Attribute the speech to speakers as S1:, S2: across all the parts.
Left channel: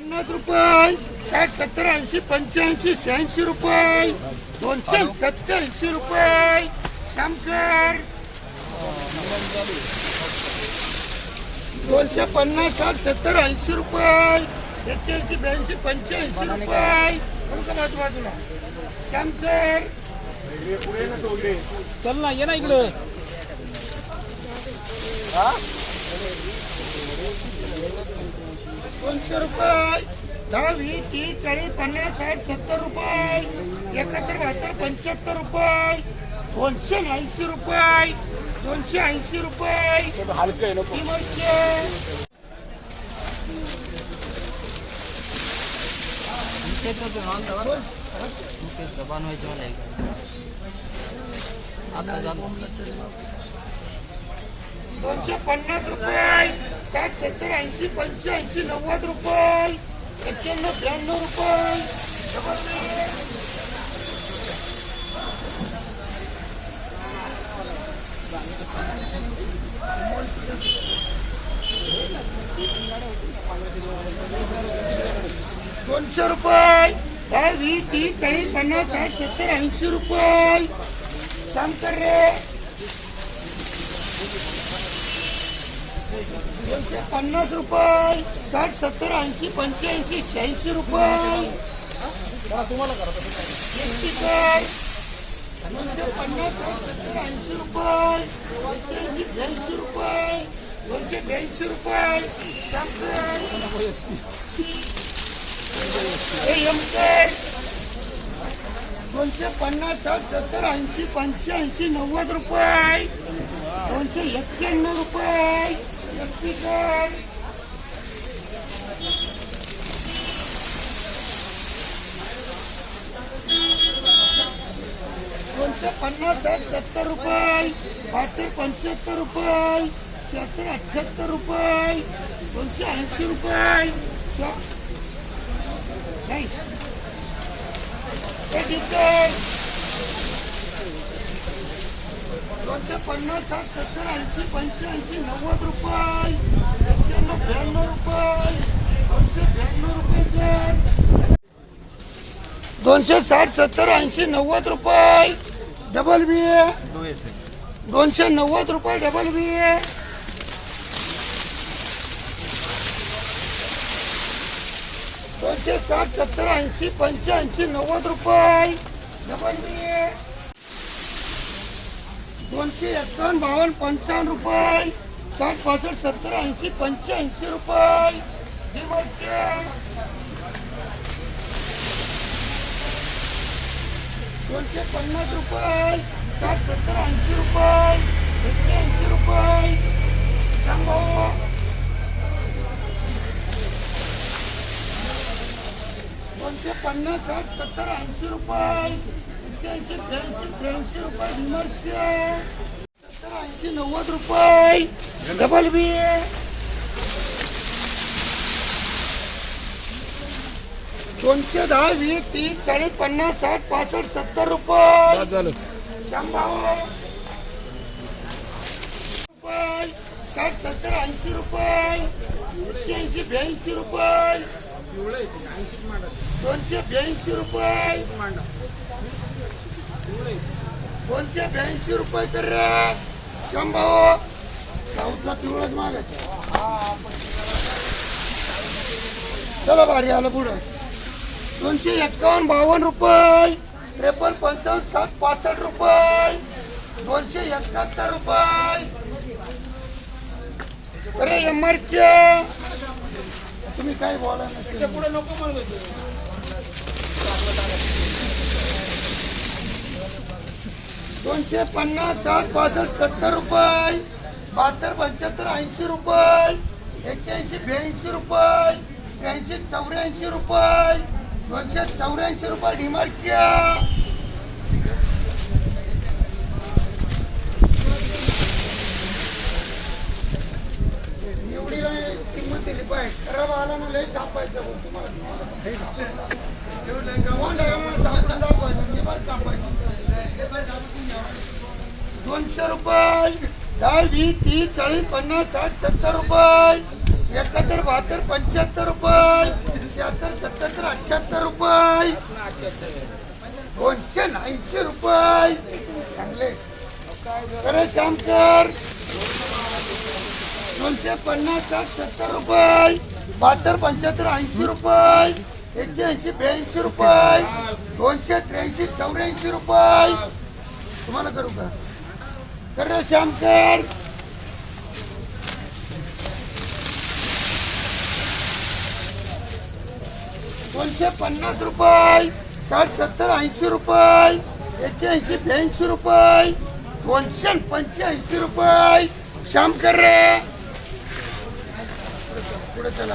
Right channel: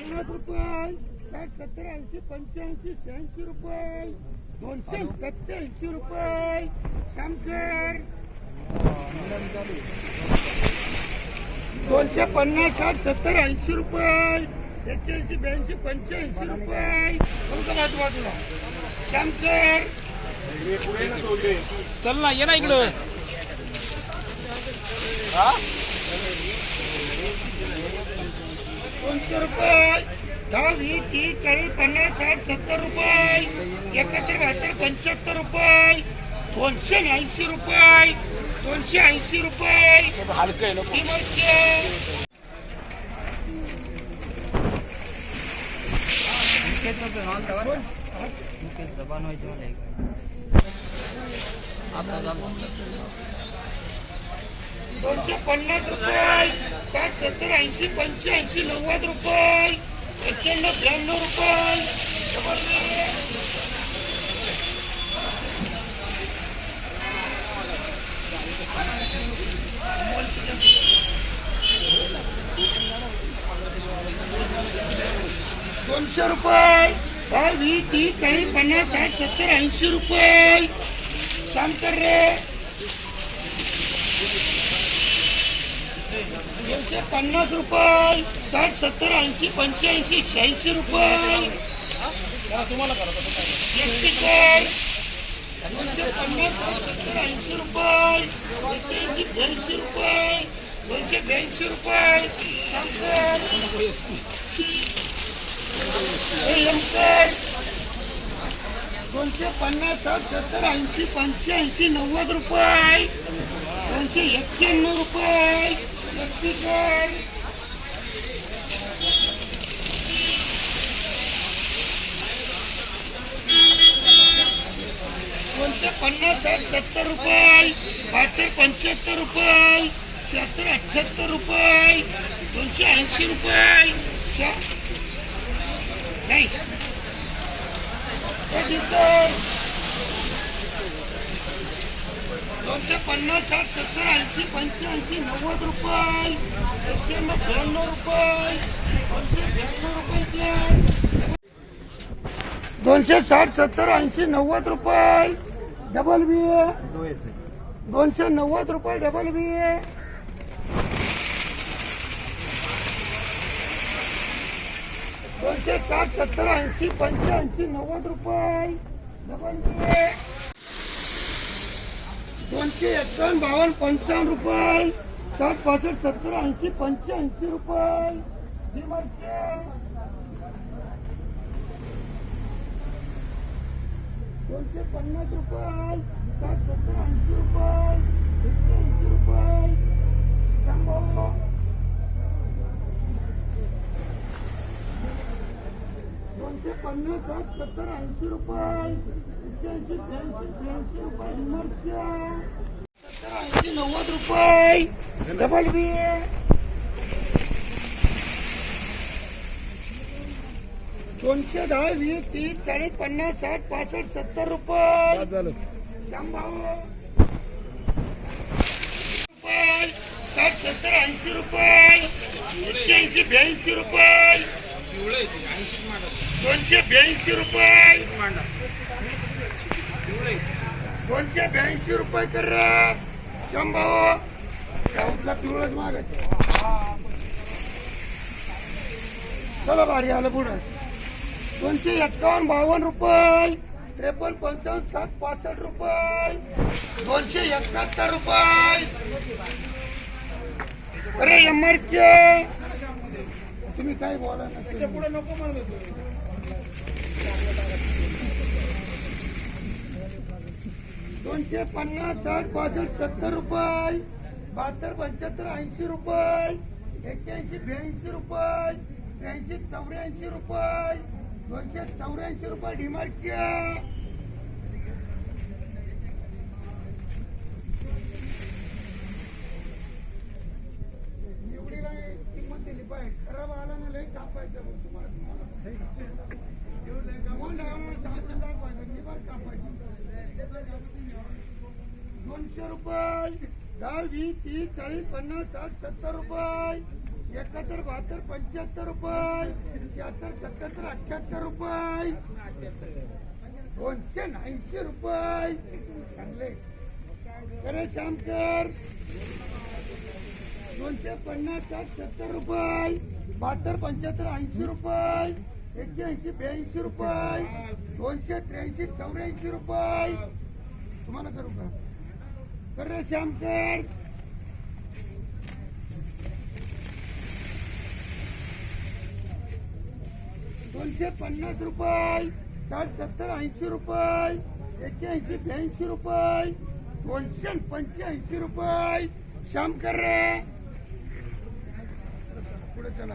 S1: पन्नास रुपये साठ सत्तर ऐंशी पंच्याऐंशी शहाऐंशी रुपये दोनशे सत्याऐंशी रुपये. शंकर दोनशे पन्नास साठ सत्तर ऐंशी रुपये. एक्क्याऐंशी ब्याऐंशी पंच्याऐंशी रुपये. बरं का बाजू बाजूला शंकर
S2: चल ना ये ना इकडं.
S1: दोनशे रुपये. दहा वीस तीस चाळीस पन्नास साठ सत्तर रुपये. एकाहत्तर बहात्तर पंच्याहत्तर रुपये. दोनशे ऐंशी रुपये. दोनशे ऐंशी रुपये.
S2: हलकं आहे.
S1: दोनशे पन्नास रुपये साठ सत्तर ऐंशी पंच्याऐंशी नव्वद रुपये एक्क्याण्णव ब्याण्णव रुपये. दोनशे रुपये. दहा वीस तीस चाळीस पन्नास साठ सत्तर ऐंशी रुपये. शांत रे दोनशे पन्नास रुपये साठ सत्तर ऐंशी पंच्याऐंशी शहाऐंशी रुपये. एकीकर दोनशे पन्नास साठ सत्तर ऐंशी रुपये. एक्क्याऐंशी ब्याऐंशी रुपये. दोनशे ब्याऐंशी रुपये. शंकर दोनशे पन्नास साठ सत्तर ऐंशी पंच्याऐंशी नव्वद रुपये. दोनशे एक्क्याण्णव रुपये. एक्कीकर दोनशे पन्नास साठ सत्तर रुपये. बहात्तर पंच्याहत्तर रुपये. शहात्तर अठ्ठ्याहत्तर रुपये. दोनशे ऐंशी रुपये. शा नाही. दोनशे पन्नास साठ सत्तर ऐंशी पंच्याऐंशी नव्वद रुपये. एक्क्याण्णव ब्याण्णव रुपये दोनशे ब्याण्णव रुपये दोनशे साठ सत्तर ऐंशी नव्वद रुपये डबल बी ए दोनशे नव्वद रुपये डबल बी ए दोनशे साठ सत्तर ऐंशी पंच्याऐंशी नव्वद रुपये. Double B A. दोनशे एक्कावन्न बावन्न पंचावन्न रुपये. साठ पासष्ट सत्तर ऐंशी पंच्याऐंशी रुपये. दोनशे पन्नास रुपये. साठ सत्तर ऐंशी रुपये. एक्क्याऐंशी रुपये. शंभर. दोनशे पन्नास साठ सत्तर ऐंशी रुपये. एक्क्याऐंशी त्र्याऐंशी त्र्याऐंशी रुपये डिमार्टचे सत्तर ऐंशी नव्वद रुपये. डबल बी दोनशे दहा वीस तीस चाळीस पन्नास साठ पासष्ट सत्तर रुपये.
S2: झालं
S1: शंभर. रुपये. साठ सत्तर ऐंशी रुपये. एक्क्याऐंशी ब्याऐंशी रुपये.
S2: ऐंशी
S1: दोनशे ब्याऐंशी रुपये. दोनशे ब्याऐंशी रुपये तर शंभर साऊथला पिवळच मागायचं. चला भारी आलं पुढं. दोनशे एक्कावन्न बावन्न रुपये त्रेपन्न पंचावन्न सात पासष्ट रुपये दोनशे एकाहत्तर रुपये. अरे एम आर तुम्ही काय बोला
S2: पुढे नको म्हणून
S1: दोनशे पन्नास साठ पासष्ट सत्तर रुपये. बहात्तर पंच्याहत्तर ऐंशी रुपये. एक्क्याऐंशी ब्याऐंशी रुपये. त्र्याऐंशी चौऱ्याऐंशी रुपये. दोनशे चौऱ्याऐंशी रुपये डिमार्टच्या एवढी किंमत दिली पाहिजे. खराब आला ना लय कापायचं तुम्हाला एवढं गव्हाण आहे म्हणून सांगून दाखवायचं डिमार्ट कापायचं दोनशे रुपये. दहा वीस तीस चाळीस पन्नास साठ सत्तर रुपये. एकाहत्तर बहात्तर पंच्याहत्तर रुपये. पंच्याहत्तर अठ्याहत्तर रुपये. दोनशे ऐंशी रुपये. चांगले. अरे श्यामकर. दोनशे पन्नास साठ सत्तर रुपये. बहात्तर पंच्याहत्तर ऐंशी रुपये. एक्क्याऐंशी ब्याऐंशी रुपये. दोनशे त्र्याऐंशी चौऱ्याऐंशी रुपये. तुम्हाला करू का? कर श्यामकर दोनशे पन्नास रुपये साठ सत्तर ऐंशी रुपये एक्क्याऐंशी ब्याऐंशी रुपये दोनशे पंच्याऐंशी रुपये. श्याम कर रे. पुढे चला.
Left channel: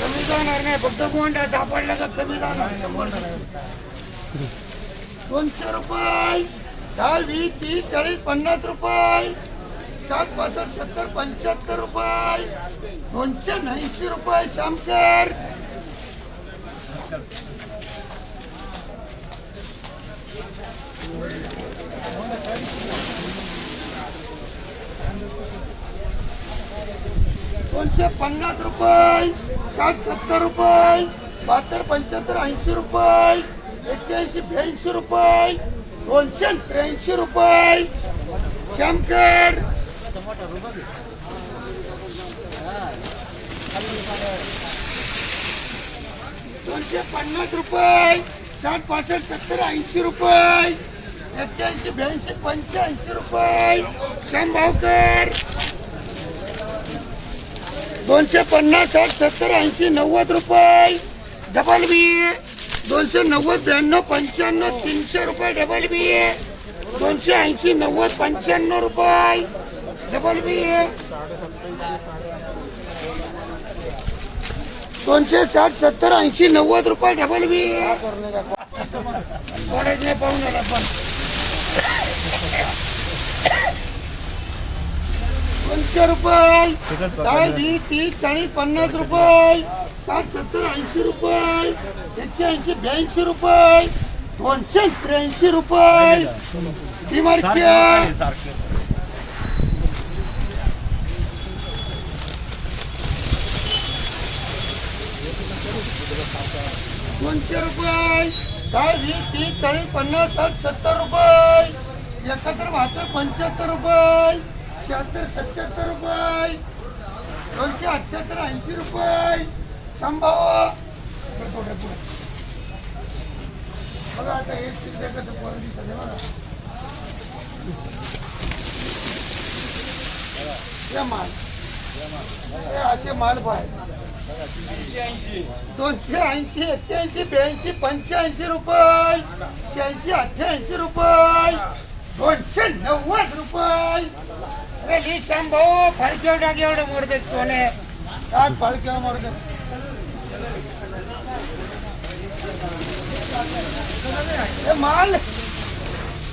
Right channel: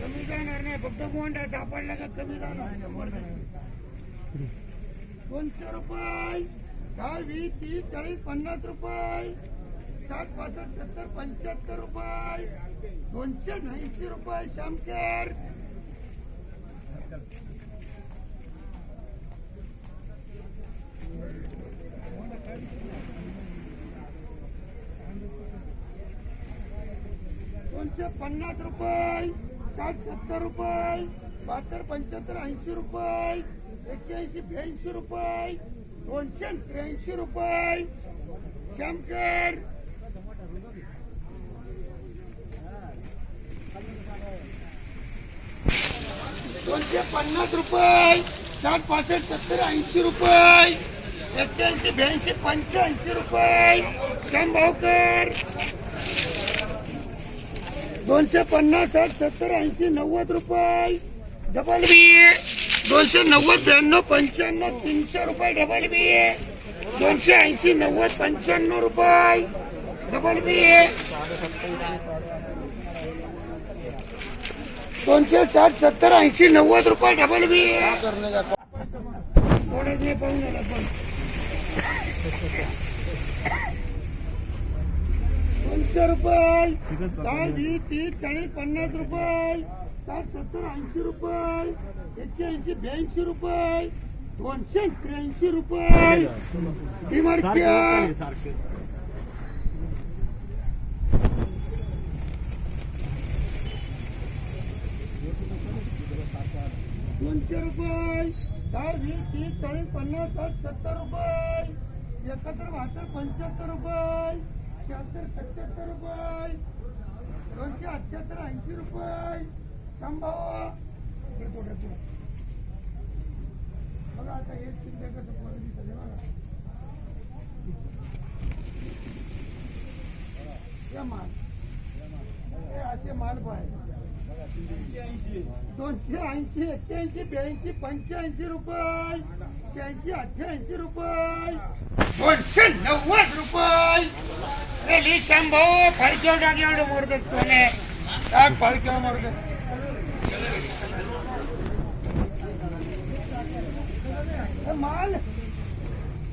S1: कमी जाणार नाही फक्त गोंडा सापडला का कमी जाणार शंभर दोनशे रुपये. दहा वीस तीस चाळीस पन्नास रुपये. साठ पासष्ट सत्तर पंच्याहत्तर रुपये. दोनशे ऐंशी रुपये शामकर दोनशे पन्नास रुपये साठ सत्तर रुपये बहात्तर पंच्याहत्तर ऐंशी रुपये एक्क्याऐंशी ब्याऐंशी रुपये. दोनशे त्र्याऐंशी रुपये. शंकर. दोनशे पन्नास रुपये. साठ पासष्ट सत्तर ऐंशी रुपये. एक्क्याऐंशी ब्याऐंशी पंच्याऐंशी रुपये. शंभावकर दोनशे पन्नास साठ सत्तर ऐंशी नव्वद रुपये. Double B. दोनशे नव्वद ब्याण्णव पंच्याण्णव तीनशे रुपये डबल बी दोनशे ऐंशी नव्वद पंच्याण्णव रुपये डबल बी दोनशे साठ सत्तर ऐंशी नव्वद रुपये डबल बी नाही पाहून आला पण. दोनशे रुपये. तीस चाळीस पन्नास रुपये. साठ सत्तर ऐंशी रुपये. एक्क्याऐंशी ब्याऐंशी रुपये. दोनशे त्र्याऐंशी रुपये. दोनशे रुपये. दहा वीस तीस चाळीस पन्नास साठ सत्तर रुपये. एकाहत्तर बहात्तर पंच्याहत्तर रुपये. शहात्तर सत्याहत्तर रुपये. दोनशे अठ्ठ्याहत्तर ऐंशी रुपये. शंभाव बघा आता हे पोरं दिसत बघा. हे माल. हे असे माल पाहिजे दोनशे ऐंशी एक्क्याऐंशी ब्याऐंशी पंच्याऐंशी रुपये. शहाऐंशी अठ्ठ्याऐंशी रुपये. दोनशे नव्वद रुपये. अरे ली भाऊ फाळक्या टाक एवढे मोरदे सोने. टाक फाळक्या मोडते हे माल.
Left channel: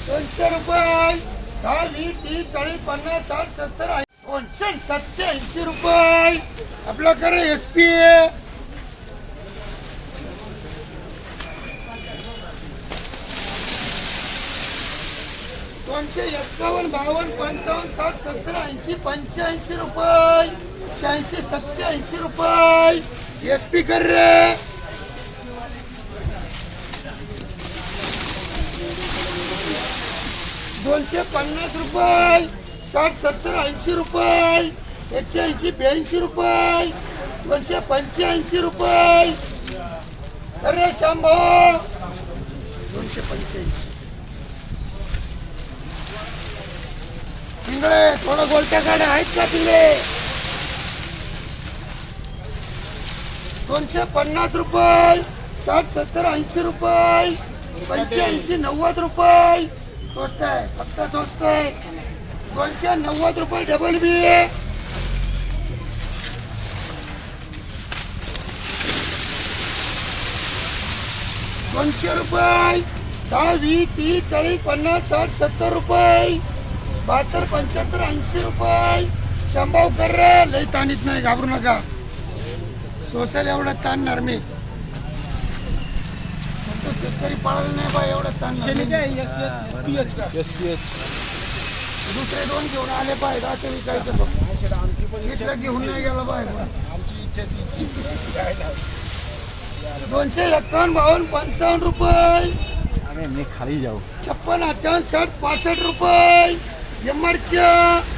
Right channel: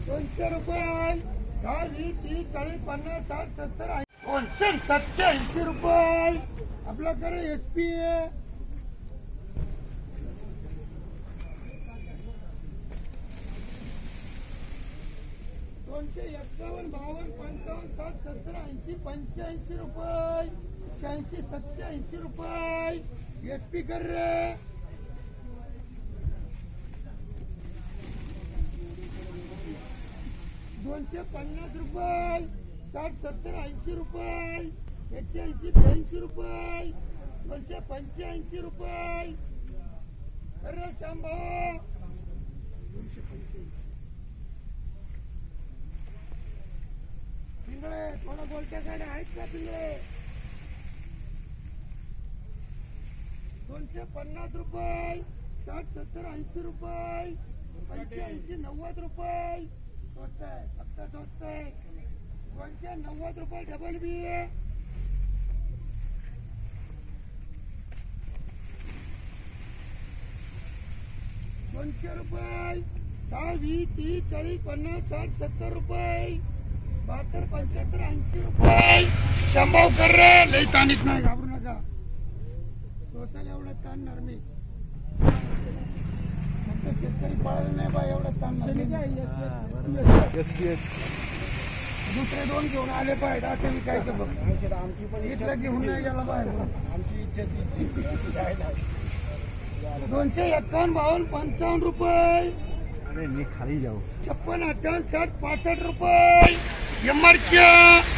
S1: दोनशे रुपये. दहा वीस तीस चाळीस पन्नास साठ सत्तर ऐंशी. सत्याऐंशी रुपये. आपल्याकडे एस पी दोनशे एक्कावन्न बावन्न पंचावन्न साठ सत्तर ऐंशी पंच्याऐंशी रुपये. शहाऐंशी सत्याऐंशी रुपये. एस पी कर रे. दोनशे पन्नास रुपये साठ सत्तर ऐंशी रुपये एक्क्याऐंशी ब्याऐंशी रुपये दोनशे पंच्याऐंशी रुपये. अरे शांभाऊ दोनशे पंच्याऐंशी. पिंगळे थोडं गोलट्या गाड्या आहेत का पिंगळे? दोनशे पन्नास रुपये साठ सत्तर ऐंशी रुपये पंच्याऐंशी नव्वद रुपये. स्वस्त आहे फक्त स्वस्त आहे. दोनशे नव्वद रुपये डबल बी आहे. दोनशे रुपये दहा वीस तीस चाळीस पन्नास साठ सत्तर रुपये बहात्तर पंच्याहत्तर ऐंशी रुपये. शंभाव कर रे लई ताणीत नाही घाबरू नका. सोसायला एवढं ताणणार मी शेतकरी पळाला नाही बा एवढं ताणणार
S2: शेणी
S1: मी.
S2: काय एस एस पी एच का
S3: एस पी एच
S1: दुसरे दोन घेऊन आले पाहिजे असं विकायचं बघ इथलं घेऊन नाही गेला पाहिजे दोनशे एक्कावन्न बावन्न पंचावन्न रुपये
S3: अरे मी खाली जाऊ
S1: छप्पन अठ्ठावन्न साठ पासष्ट रुपये एमआरक्या